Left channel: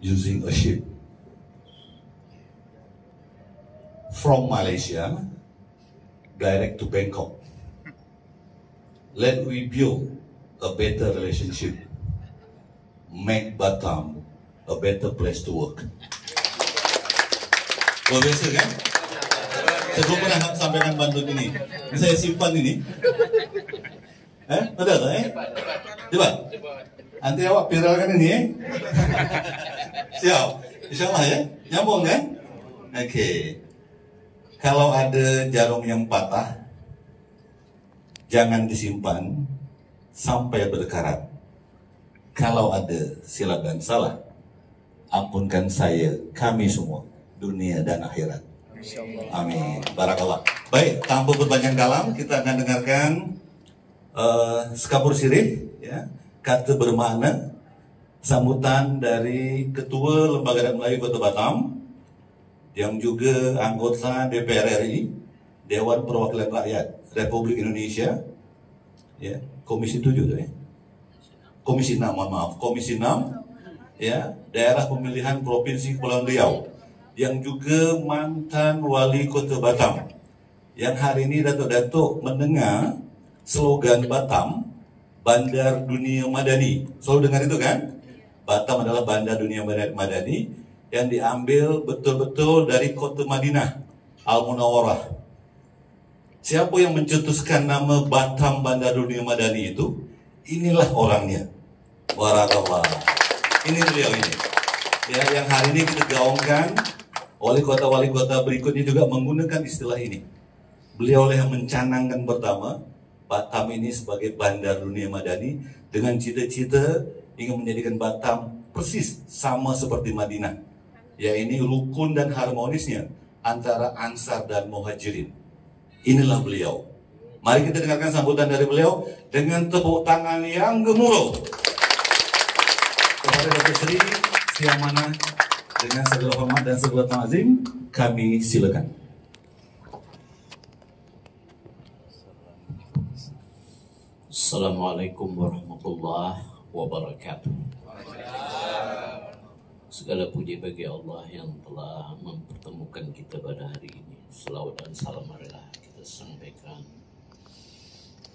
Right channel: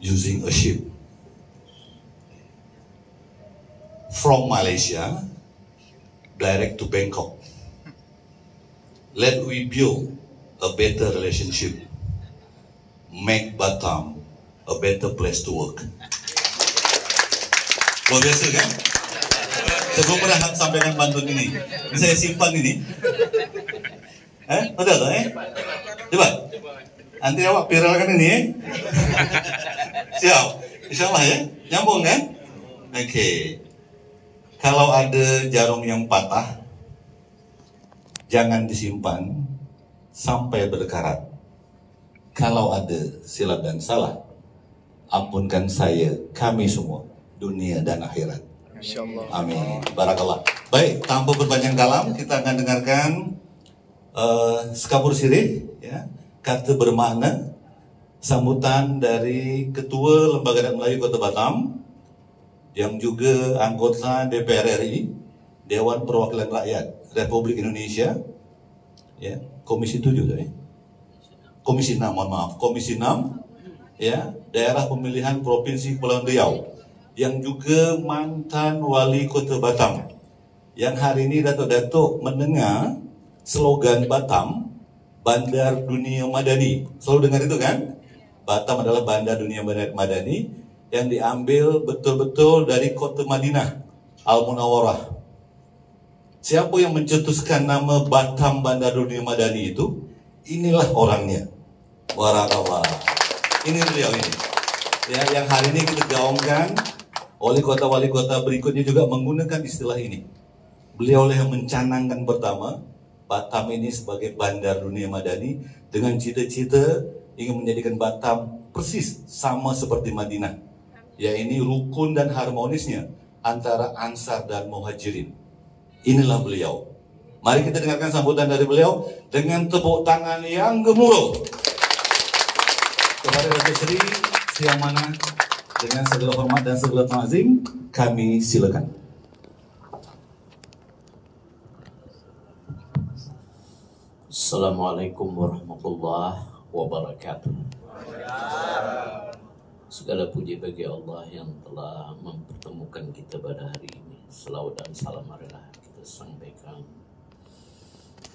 using a ship from Malaysia direct to Bangkok. Let we build a better relationship, make Batam a better place to work. Luar biasa kan? Saya belum pernah sampaikan pantun ini saya simpan ini. Betul tak Coba, nanti awak viralkan ini Siap, insyaAllah ya, nyambung kan? Oke. Kalau ada jarum yang patah, jangan disimpan sampai berkarat. Kalau ada silap dan salah, ampunkan saya, kami semua, dunia dan akhirat. Amin. Barakallah. Baik, tanpa berpanjang dalam, kita akan dengarkan Sekapur Sirih, ya, kata bermakna sambutan dari Ketua Lembaga Adat Melayu Kota Batam, yang juga anggota DPR RI, Dewan Perwakilan Rakyat Republik Indonesia, ya, Komisi 7 ya. Komisi 6, mohon maaf, Komisi 6, ya, Daerah Pemilihan Provinsi Kepulauan Riau, yang juga mantan Wali Kota Batam, yang hari ini Datuk-Datuk mendengar slogan Batam, Bandar Dunia Madani. Selalu dengar itu kan? Batam adalah Bandar Dunia Madani yang diambil betul-betul dari kota Madinah, Al-Munawwarah. Siapa yang mencetuskan nama Batam Bandar Dunia Madani itu? Inilah orangnya. Barakallah. Ini beliau ini. Ya, yang hari ini kita gaungkan, wali kota berikutnya juga menggunakan istilah ini. Beliau lah yang mencanangkan pertama Batam ini sebagai Bandar Dunia Madani dengan cita-cita ingin menjadikan Batam persis sama seperti Madinah. Ya, ini rukun dan harmonisnya antara Ansar dan Muhajirin. Inilah beliau. Mari kita dengarkan sambutan dari beliau dengan tepuk tangan yang gemuruh. Kepada Datuk Seri Siang Mana, dengan segala hormat dan segala ta'zim, kami silakan. Assalamualaikum warahmatullahi wabarakatuh. Segala puji bagi Allah yang telah mempertemukan kita pada hari ini. Selawat dan salam marilah kita sampaikan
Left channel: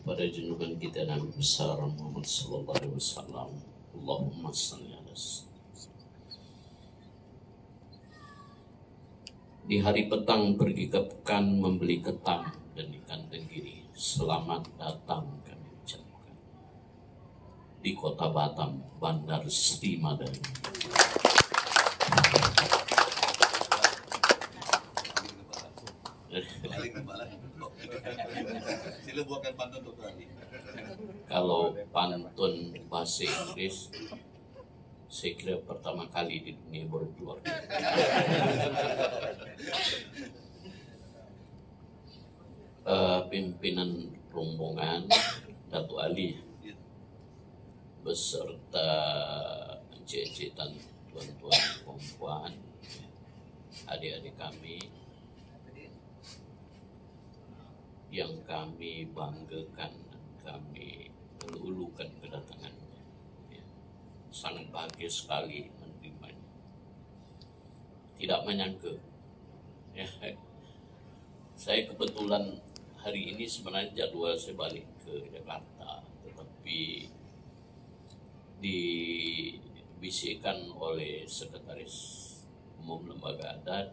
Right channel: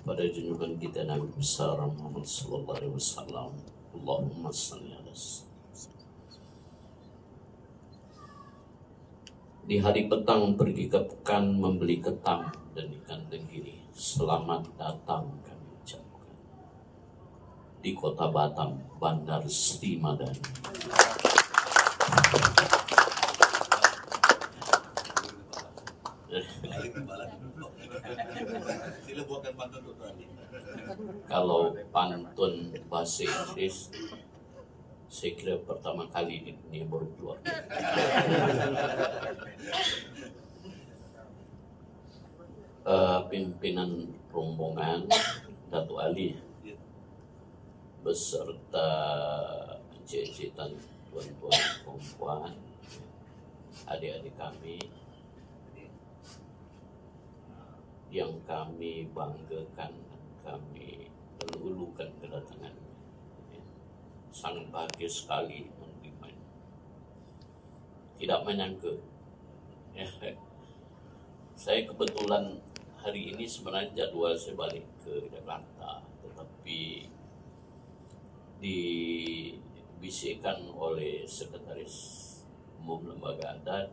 pada junjungan kita Nabi besar Muhammad sallallahu alaihi wasallam. Allahumma shalli ala Di hari petang pergi ke pekan membeli ketam dan ikan tenggiri. Selamat datang kami ucapkan di kota Batam, Bandar Sri Madani. Kalau pantun bahasa Inggris, saya kira pertama kali di dunia baru keluar. Pimpinan rombongan Datuk Ali beserta encik-encik dan tuan-tuan perempuan, adik-adik kami yang kami banggakan dan kami ulu-ulukan kedatangannya. Sangat bahagia sekali menerimanya. Tidak menyangka. Saya kebetulan hari ini sebenarnya jadwal saya balik ke Jakarta, tetapi dibisikkan oleh Sekretaris Umum Lembaga Adat,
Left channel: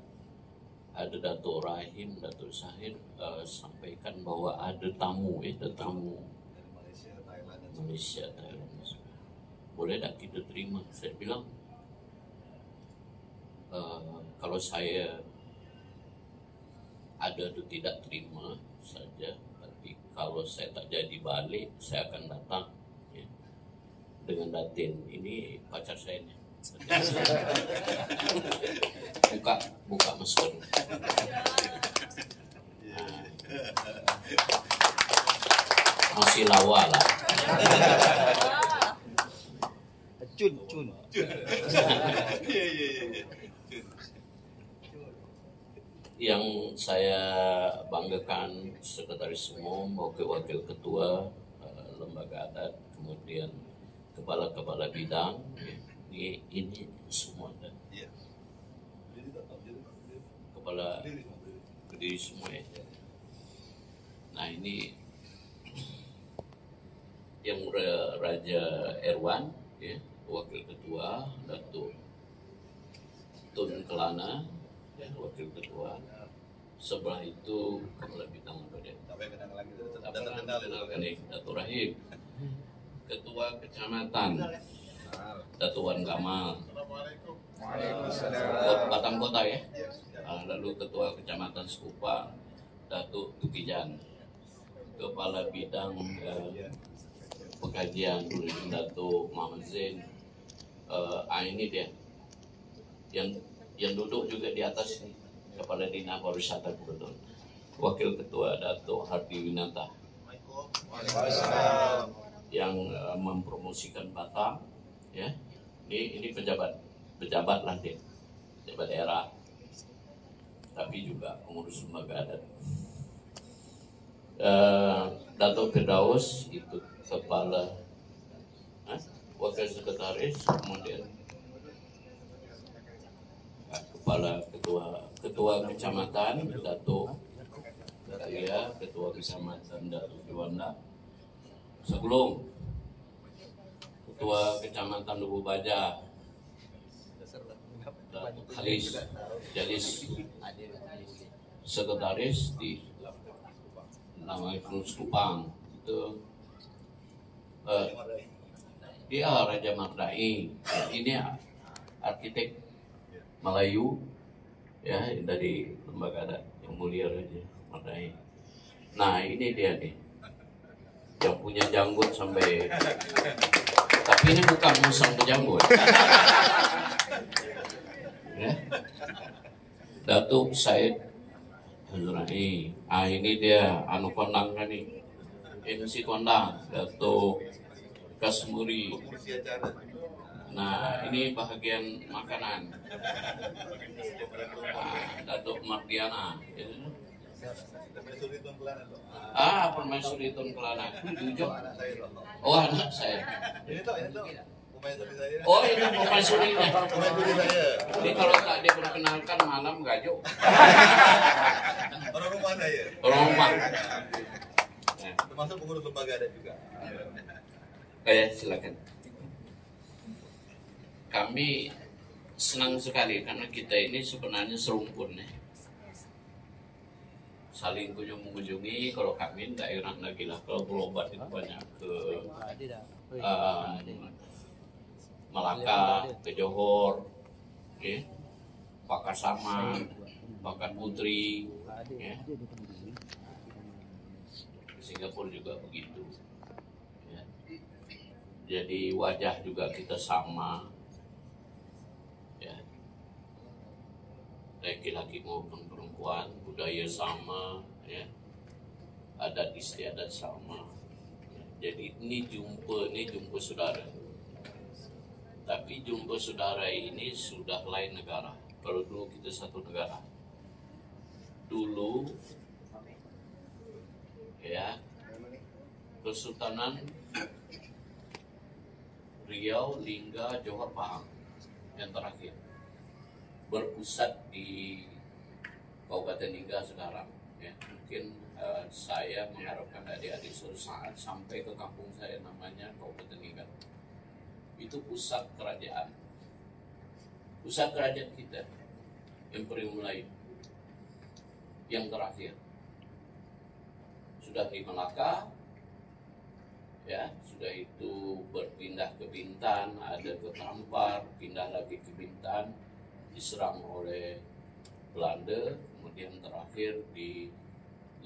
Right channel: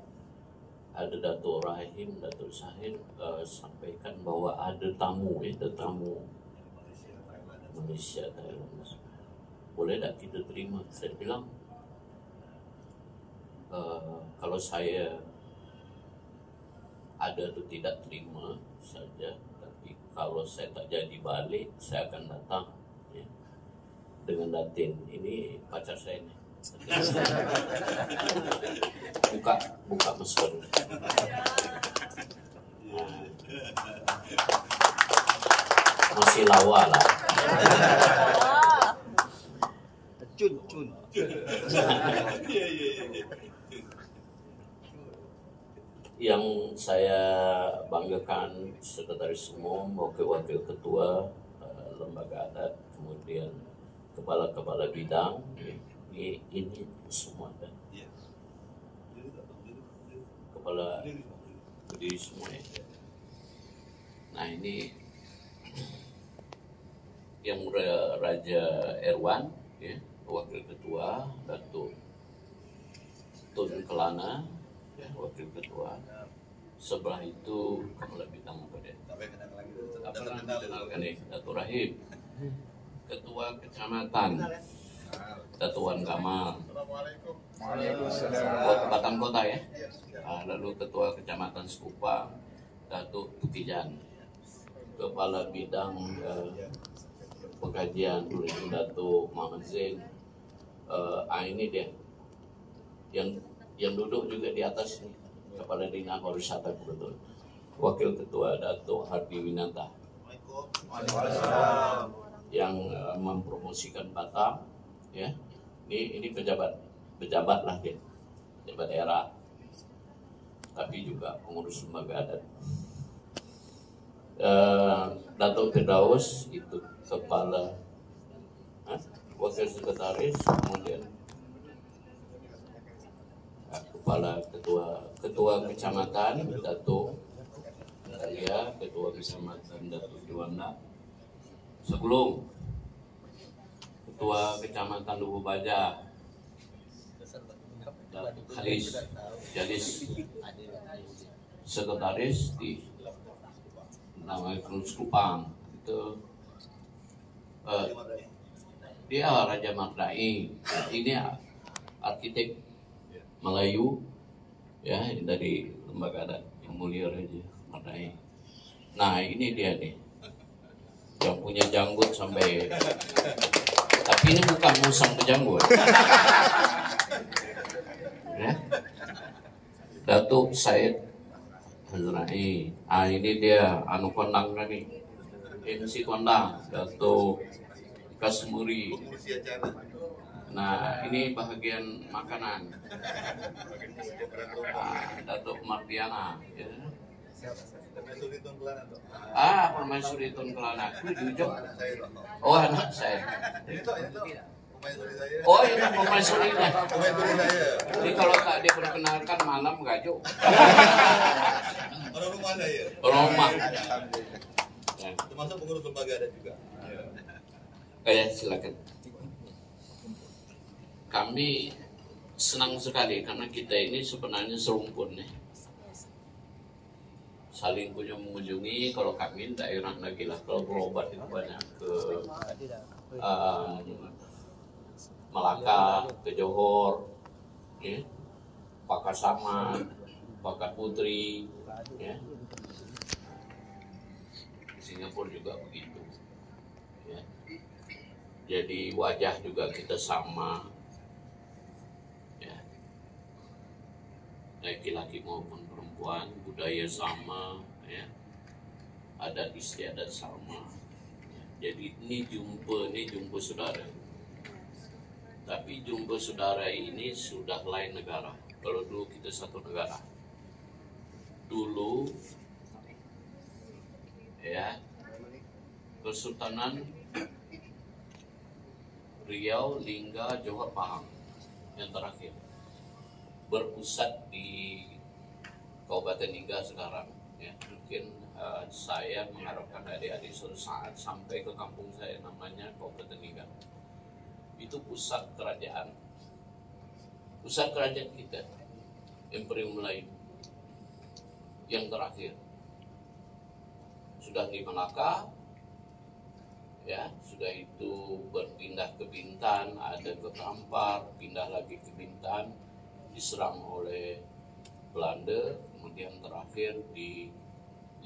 ada Datuk Rahim, Datuk Sahir sampaikan bahwa ada tamu Malaysia, Thailand. Boleh tak kita terima? Saya bilang, kalau saya ada atau tidak terima saja, tapi kalau saya tak jadi balik, saya akan datang ya, dengan Datin. Ini pacar saya nih. Buka masker. Nah, masih lawa lah. Cun. Yang saya banggakan Sekretaris Umum, Wakil-Wakil Ketua Lembaga Adat, kemudian Kepala-Kepala Bidang ini semua ada kepala berdiri semua ya. Nah ini yang Raja Erwan ya, wakil ketua, Datuk Tun Kelana ya, wakil ketua. Sebelah itu kepala bidang apa deh? Kenalkan nih, Datuk Rahim, ketua kecamatan Datuk Wan Kamal, Batang Kota ya. Lalu ketua kecamatan Sekupang Datuk Tukijan, kepala bidang pengkajian Datuk Muhammad Zain. Ini dia yang duduk juga di atas ini, kepala Dinas Pariwisata kebetulan, wakil ketua Datuk Hardi Winata yang mempromosikan Batam ya. Ini pejabat lah dia, pejabat daerah, tapi juga pengurus lembaga adat. Datuk Firdaus itu kepala wakil sekretaris, kemudian kepala ketua kecamatan Datuk Kalia, ketua kecamatan Datuk Juanda Segelung, ketua kecamatan Lubu Baja Datuk Halis Jalis, sekretaris di nama Sekupang itu dia Raja Mardai. Ini arsitek Melayu ya, dari lembaga adat yang mulia Raja Mardai. Nah ini dia nih yang punya janggut sampai, tapi ini bukan musang berjanggut ya. Datuk Said Hazrai. Ini dia anu kondang kami, MC kondang Datuk Kasmuri. Nah ini bahagian makanan, Datuk Mardiana ya. Permaisuri Tun Kelana. Oh anak saya. Oh ini permaisurinya. Ini kalau tak dia perkenalkan malam gajo. Orang rumah saya. Orang rumah. Termasuk pengurus lembaga adat juga. Silakan. Kami senang sekali karena kita ini sebenarnya serumpun ya. Saling mengunjungi. Kalau kami daerah lagi lah, kalau berobat itu banyak ke Malaka, ke Johor, ya, Pakasaman, Pakat Putri, ya. Singapura juga begitu. Ya. Jadi wajah juga kita sama, ya. Laki-laki maupun perempuan, budaya sama, ya. Adat istiadat sama. Ya. Jadi ini jumpa saudara. Tapi jumpa saudara ini sudah lain negara. Kalau dulu kita satu negara. Dulu ya, Kesultanan Riau, Lingga, Johor, Pahang yang terakhir berpusat di Kabupaten Lingga sekarang ya. Mungkin saya mengharapkan adik-adik suatu saat sampai ke kampung saya namanya Kabupaten Lingga. Itu pusat kerajaan kita, Imperium Melayu yang terakhir. Sudah di Melaka ya, sudah itu berpindah ke Bintan, ada ke Kampar, pindah lagi ke Bintan, diserang oleh Belanda, kemudian terakhir di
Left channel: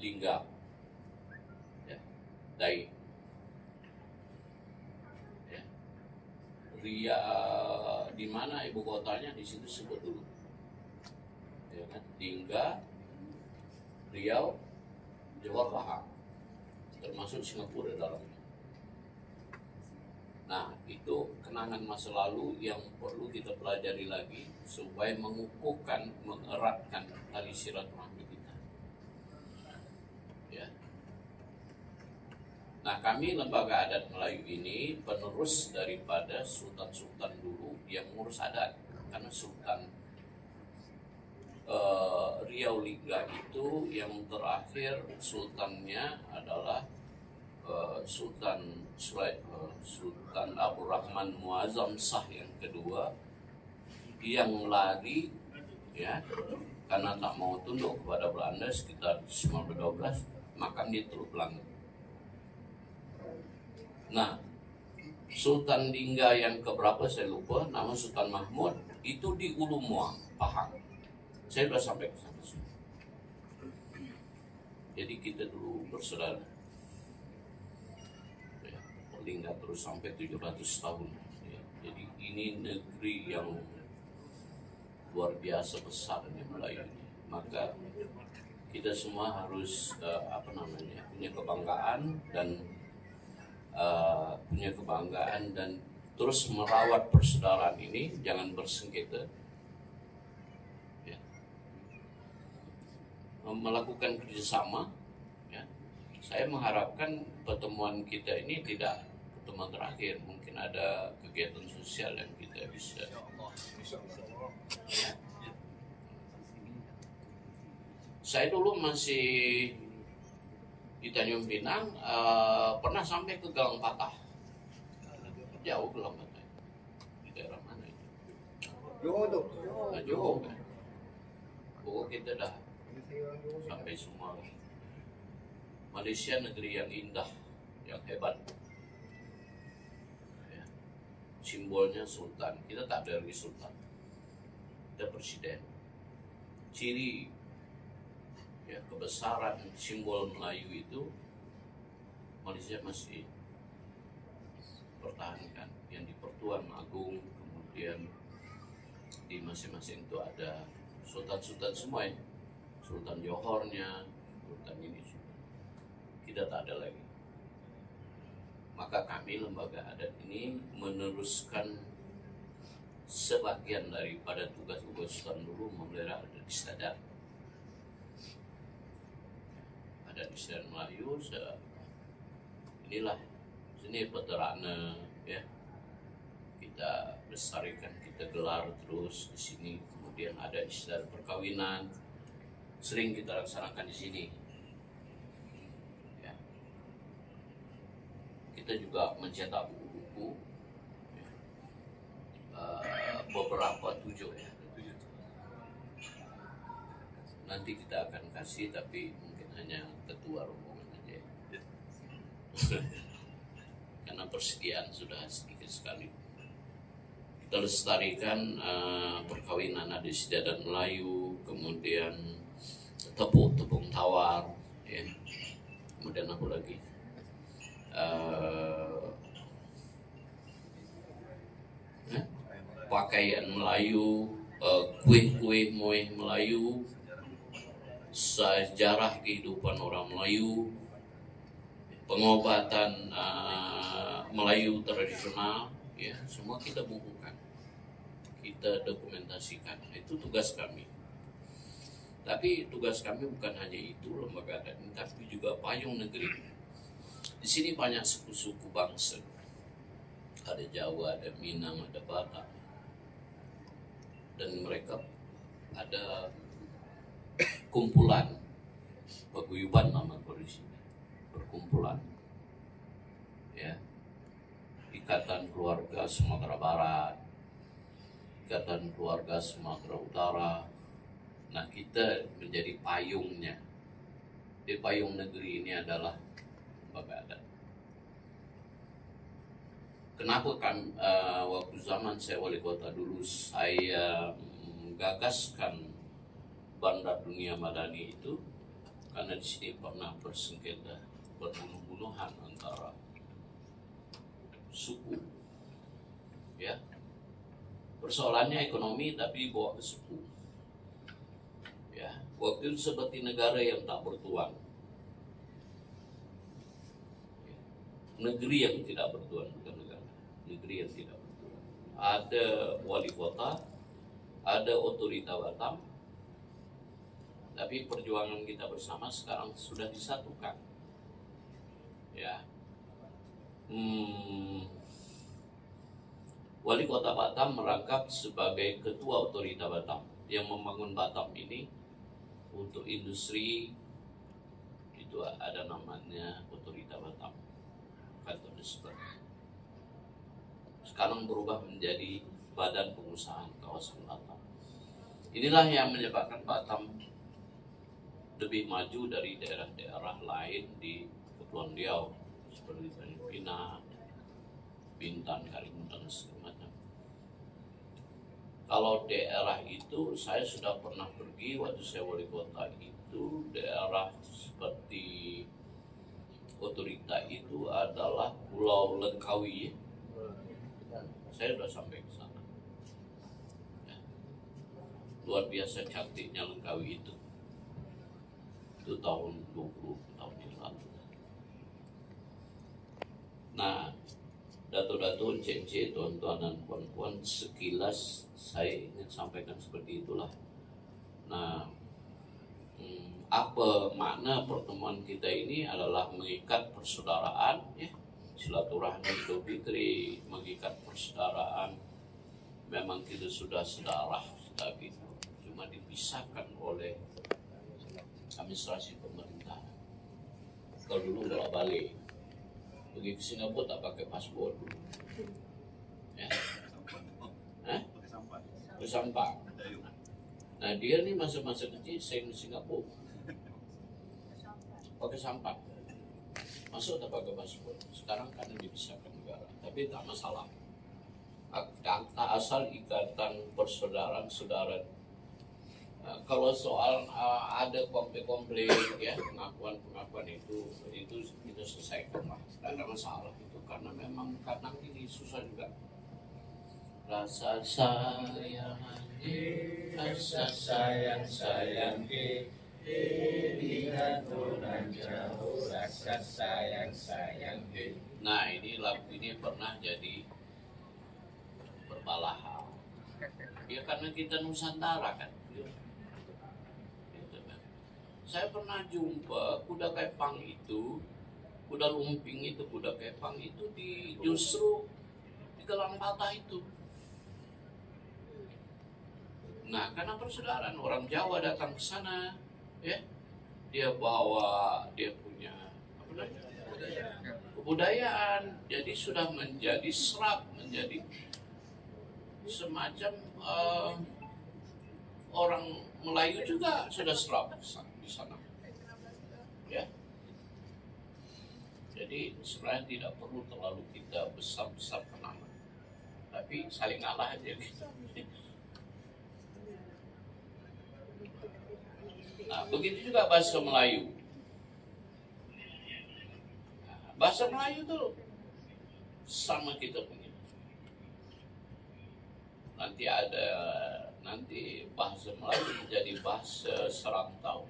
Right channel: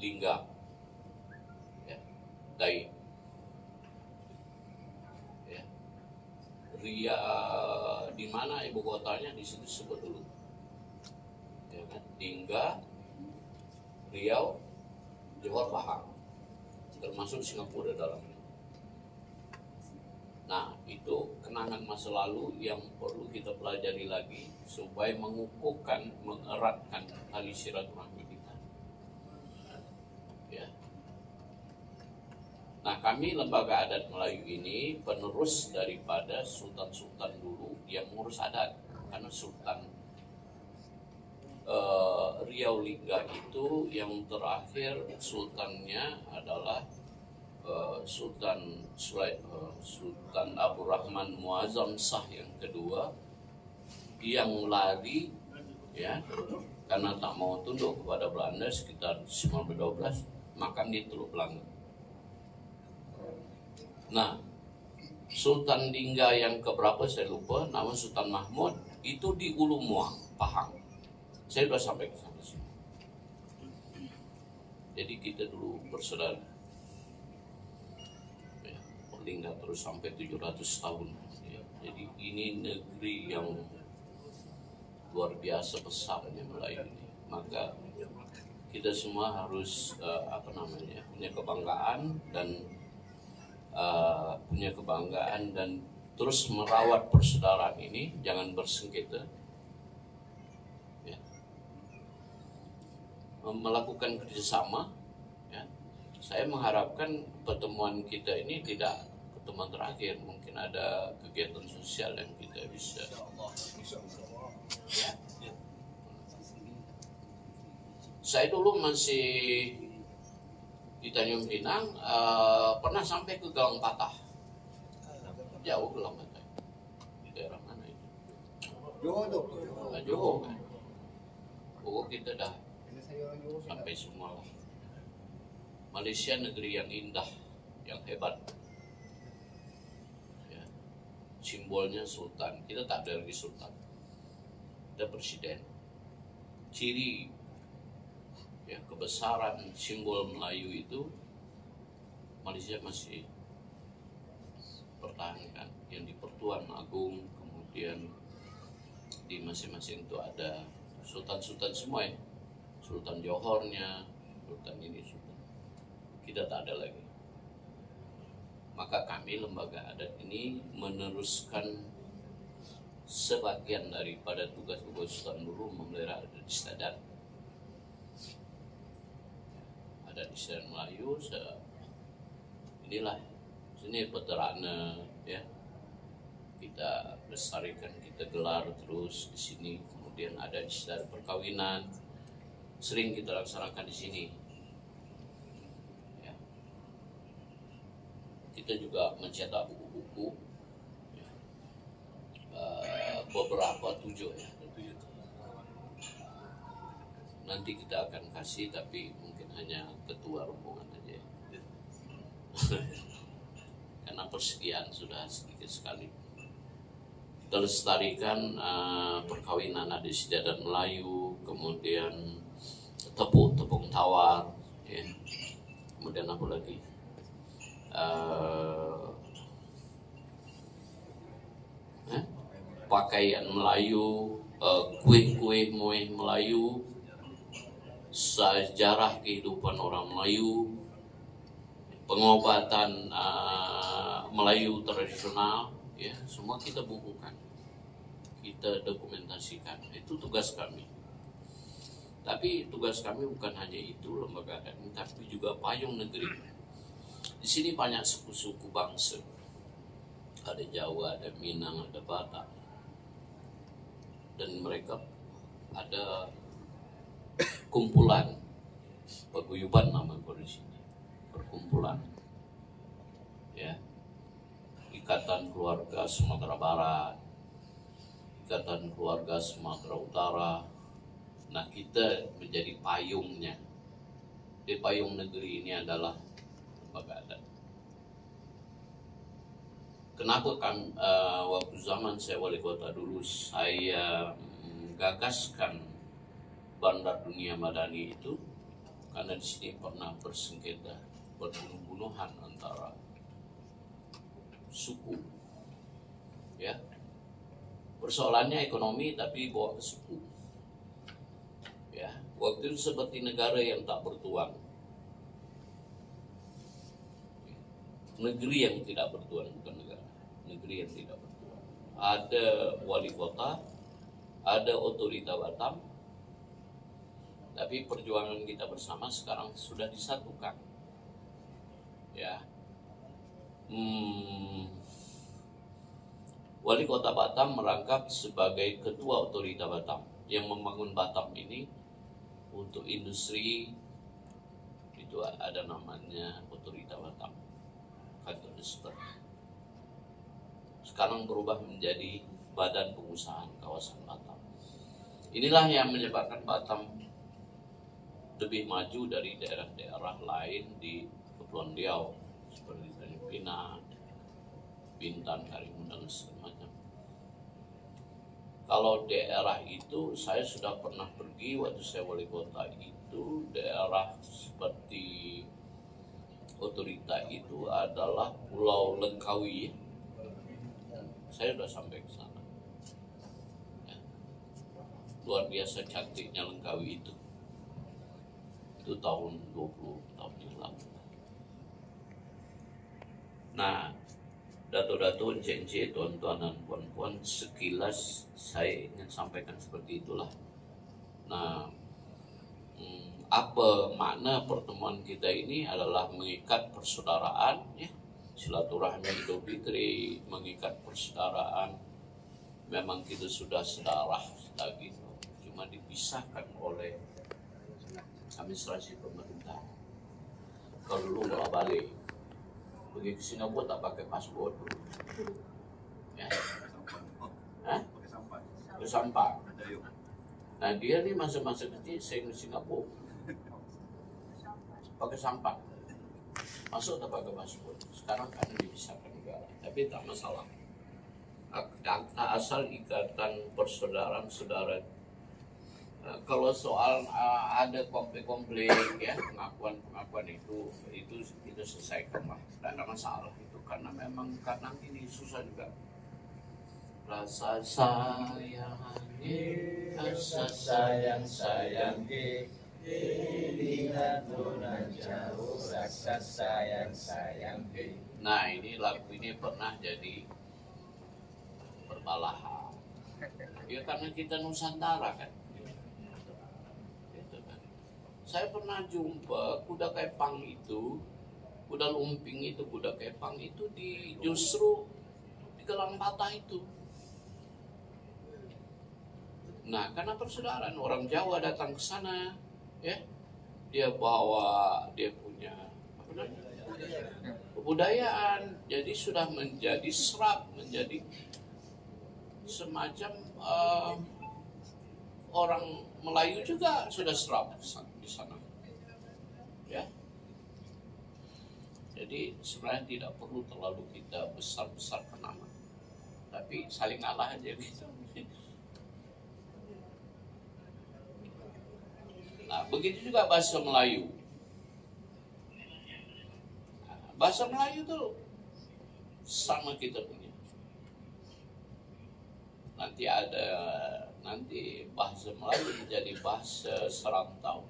Lingga ya, Dai. Ria, di mana ibu kotanya, di situ sebut dulu, ya kan? Lingga, Riau, Johor, Pahang, termasuk Singapura dalamnya. Nah itu kenangan masa lalu yang perlu kita pelajari lagi supaya mengukuhkan, mengeratkan tali silaturahmi kita. Ya. Nah kami lembaga adat Melayu ini penerus daripada sultan-sultan dulu yang mengurus adat, karena Sultan Riau Lingga itu yang terakhir sultannya adalah Sultan Abdurrahman Muazzam Shah yang kedua, yang lari ya karena tak mau tunduk kepada Belanda sekitar 1912, makam di Teluk Belanga. Nah, Sultan Lingga yang keberapa saya lupa, nama Sultan Mahmud itu di Ulu Muang, Pahang. Saya sudah sampai ke sana semua. Jadi kita dulu bersaudara. Ya, Lingga terus sampai 700 tahun. Ya, jadi ini negeri yang luar biasa besarnya Melayu ini. Maka kita semua harus punya kebanggaan dan terus merawat persaudaraan ini, jangan bersengketa. Melakukan kerjasama, ya. Saya mengharapkan pertemuan kita ini tidak pertemuan terakhir, mungkin ada kegiatan sosial yang kita bisa. Ya. Saya dulu masih di Tanjung Pinang, pernah sampai ke Galang Patah, jauh Galang Patah, di daerah mana itu? Johor tuh. Johor kan. Pokok kita dah sampai semua lah. Malaysia negeri yang indah, yang hebat. Ya. Simbolnya sultan. Kita tak ada lagi sultan, ada presiden. Ciri ya kebesaran simbol Melayu itu Malaysia masih pertahankan. Yang di Pertuan Agung, kemudian di masing-masing itu ada sultan-sultan semua ya. Sultan Johornya, sultan ini, sultan. Kita tak ada lagi. Maka kami lembaga adat ini meneruskan sebagian daripada tugas-tugas sultan dulu memelihara adat istiadat. Adat istiadat Melayu, inilah sini Peterana ya. Kita lestarikan, kita gelar terus di sini. Kemudian ada istiadat perkawinan, sering kita laksanakan di sini. Ya. Kita juga mencetak buku-buku, ya. Beberapa 7 ya. Nanti kita akan kasih, tapi mungkin hanya ketua rombongan aja. Karena persediaan sudah sedikit sekali. Kita lestarikan perkawinan adat istiadat Melayu, kemudian tepung tawar, ya. Kemudian apa lagi? Pakaian Melayu, kue-kue Melayu, sejarah kehidupan orang Melayu, pengobatan Melayu tradisional, ya, semua kita bukukan, kita dokumentasikan. Itu tugas kami. Tapi tugas kami bukan hanya itu lembaga adat ini, tapi juga payung negeri. Di sini banyak suku-suku bangsa. Ada Jawa, ada Minang, ada Batak. Dan mereka ada kumpulan paguyuban nama di sini. Perkumpulan. Ya. Ikatan Keluarga Sumatera Barat, Ikatan Keluarga Sumatera Utara. Nah, kita menjadi payungnya. Di payung negeri ini adalah lembaga adat. Kenapa kan waktu zaman saya wali kota dulu saya menggagaskan Bandar Dunia Madani itu karena di sini pernah bersengketa, berbunuh-bunuhan antara suku. Ya. Persoalannya ekonomi tapi bawa ke suku. Ya, waktu itu seperti negara yang tak bertuan, negeri yang tidak bertuan, bukan negara, negeri yang tidak bertuan. Ada wali kota, ada otorita Batam, tapi perjuangan kita bersama sekarang sudah disatukan. Ya, Wali Kota Batam merangkap sebagai ketua otorita Batam yang membangun Batam ini untuk industri. Itu ada namanya otorita Batam, kantor distrik. Sekarang berubah menjadi Badan Pengusahaan Kawasan Batam. Inilah yang menyebabkan Batam lebih maju dari daerah-daerah lain di Kepulauan Riau seperti Tanjung Pinang, Bintan, Karimun, dan segala macam. Kalau daerah itu saya sudah pernah pergi waktu saya wali kota, itu daerah seperti otorita itu adalah Pulau Langkawi. Saya sudah sampai ke sana. Ya. Luar biasa cantiknya Langkawi itu. Itu tahun 20 tahun yang lalu. Nah, dato-dato, encik-encik, tuan-tuan dan puan-puan, sekilas saya ingin sampaikan seperti itulah. Nah, apa makna pertemuan kita ini adalah mengikat persaudaraan, ya, silaturahmi Idul Fitri, mengikat persaudaraan. Memang kita sudah sedarah, sudah gitu, cuma dipisahkan oleh administrasi pemerintah. Kalau dulu bolak-balik, pergi ke Singapura tak pakai paspor dulu. Ya. Hah? Pakai sampah. Nah dia nih masa-masa kecil saya ke Singapura pakai sampah. Masuk tak pakai paspor. Sekarang karena dipisahkan negara, tapi tak masalah. Akta asal ikatan persaudaraan saudara. Kalau soal ada konflik ya, pengakuan itu kita selesaikan lah, tidak ada masalah itu, karena memang kadang ini susah juga. Rasa sayang, Lihat bulan jauh, rasa sayang. Nah ini lagu ini pernah jadi perbalahan. Ya karena kita Nusantara kan. Saya pernah jumpa kuda kepang itu, kuda lumping itu, kuda kepang itu justru di Gelang Patah itu. Nah, karena persaudaraan, orang Jawa datang ke sana, ya, dia bawa, dia punya apa namanya, kebudayaan, jadi sudah menjadi serap, menjadi semacam orang Melayu juga sudah serap di sana, ya. Jadi sebenarnya tidak perlu terlalu kita besar-besarkan nama, tapi saling ngalah aja gitu. Nah, begitu juga bahasa Melayu. Bahasa Melayu itu sama kita punya. Nanti bahasa Melayu menjadi bahasa serantau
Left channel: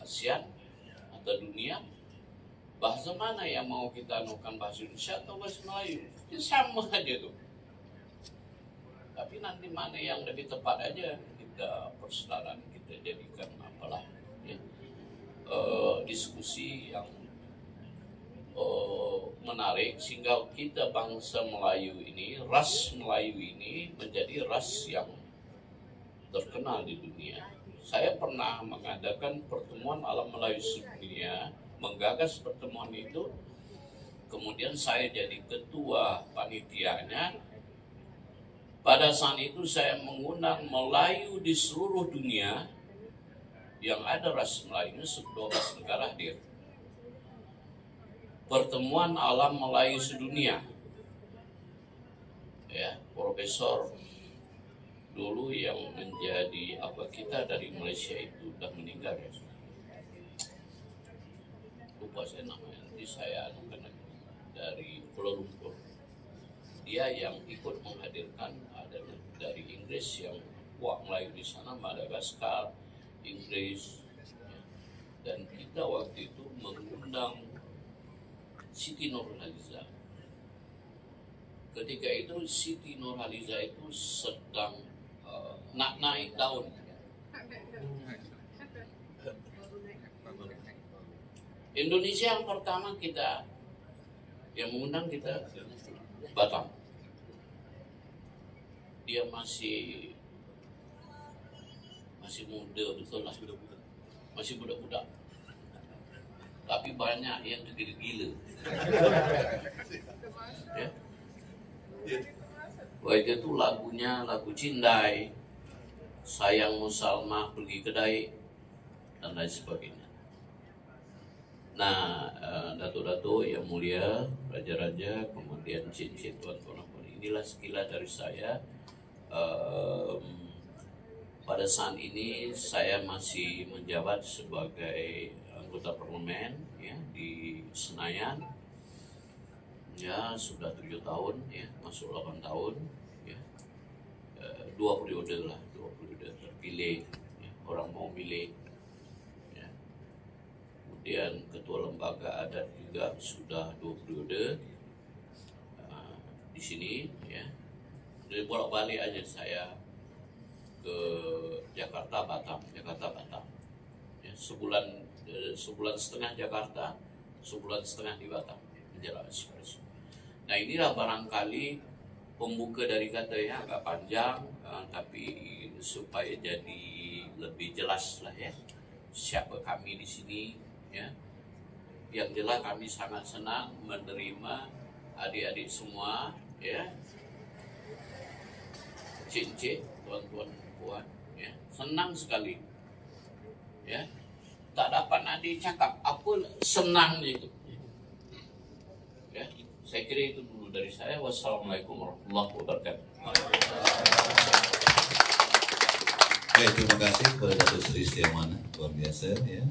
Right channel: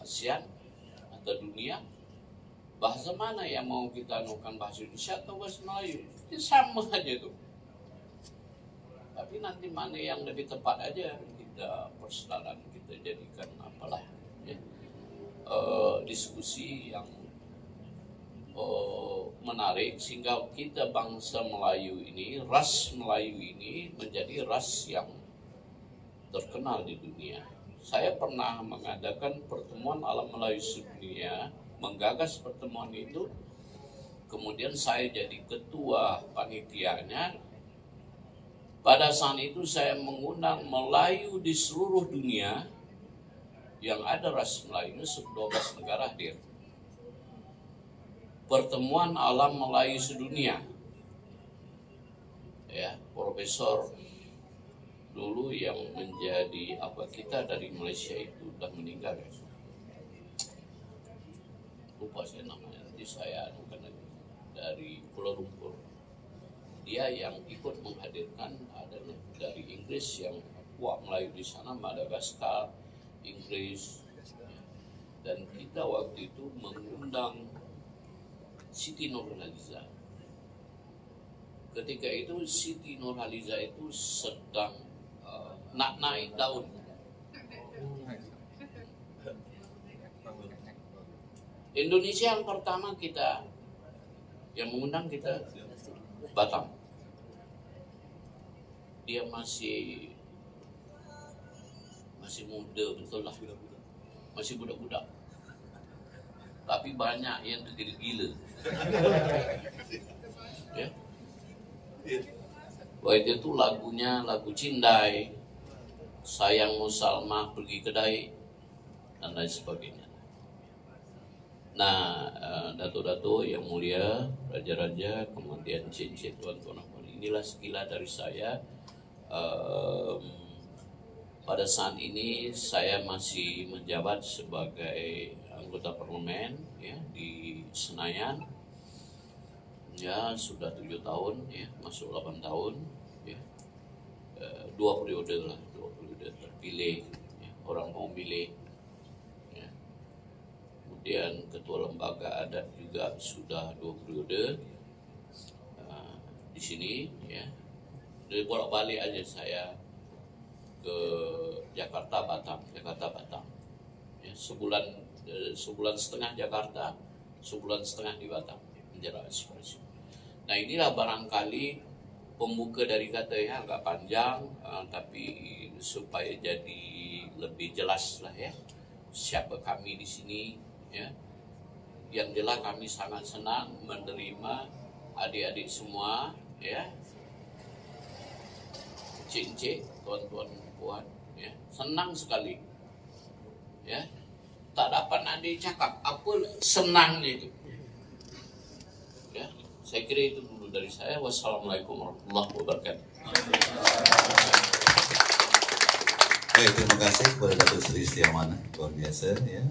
ASEAN atau dunia. Bahasa mana yang mau kita anukan, bahasa Indonesia atau bahasa Melayu? Itu sama aja tuh. Tapi nanti mana yang lebih tepat aja kita persaudaraan kita jadikan apalah, ya, diskusi yang menarik sehingga kita bangsa Melayu ini, ras Melayu ini menjadi ras yang terkenal di dunia. Saya pernah mengadakan pertemuan alam Melayu sedunia, menggagas pertemuan itu, kemudian saya jadi ketua panitianya. Pada saat itu saya mengundang Melayu di seluruh dunia yang ada ras Melayu, 12 negara hadir. Pertemuan alam Melayu sedunia. Ya, profesor dulu yang menjadi kita dari Malaysia itu sudah meninggal, ya. Lupa saya namanya, nanti saya anukan lagi, dari Kuala Lumpur. Dia yang ikut menghadirkan adanya dari Inggris yang kuat Melayu di sana, Madagaskar, Inggris, dan kita waktu itu mengundang Siti Nurhaliza. Ketika itu Siti Nurhaliza itu sedang nak naik daun. Indonesia yang pertama kita yang mengundang kita Batam. dia masih muda, betul lah, masih budak-budak. Tapi banyak yang tergila-gila. Ya. Baik itu lagunya lagu Cindai, Sayang Musalmah Pergi Kedai, dan lain sebagainya. Nah, dato-dato yang mulia, raja-raja, kemudian cincin tuan-tuan, inilah sekilas dari saya. Pada saat ini saya masih menjabat sebagai anggota parlemen ya di Senayan. Ya sudah 7 tahun ya, masuk 8 tahun ya. 2 periode lah, 2 periode terpilih ya, orang mau pilih ya. Kemudian ketua lembaga adat juga sudah 2 periode di sini ya. Dari bolak-balik aja saya ke Jakarta Batam ya, sebulan setengah Jakarta, sebulan setengah di Batam menjelang espresso. Nah inilah barangkali pembuka dari kata ya, agak panjang tapi supaya jadi lebih jelas lah ya siapa kami di sini ya. Yang jelas kami sangat senang menerima adik-adik semua ya, cik-cik, tuan-tuan, puan ya, senang sekali ya. Tak dapat nak dicakap apa senangnya itu ya. Saya kira itu dulu dari saya. Wassalamualaikum warahmatullahi wabarakatuh. Baik, terima kasih kepada Datuk Seri Setiawana, luar biasa ya.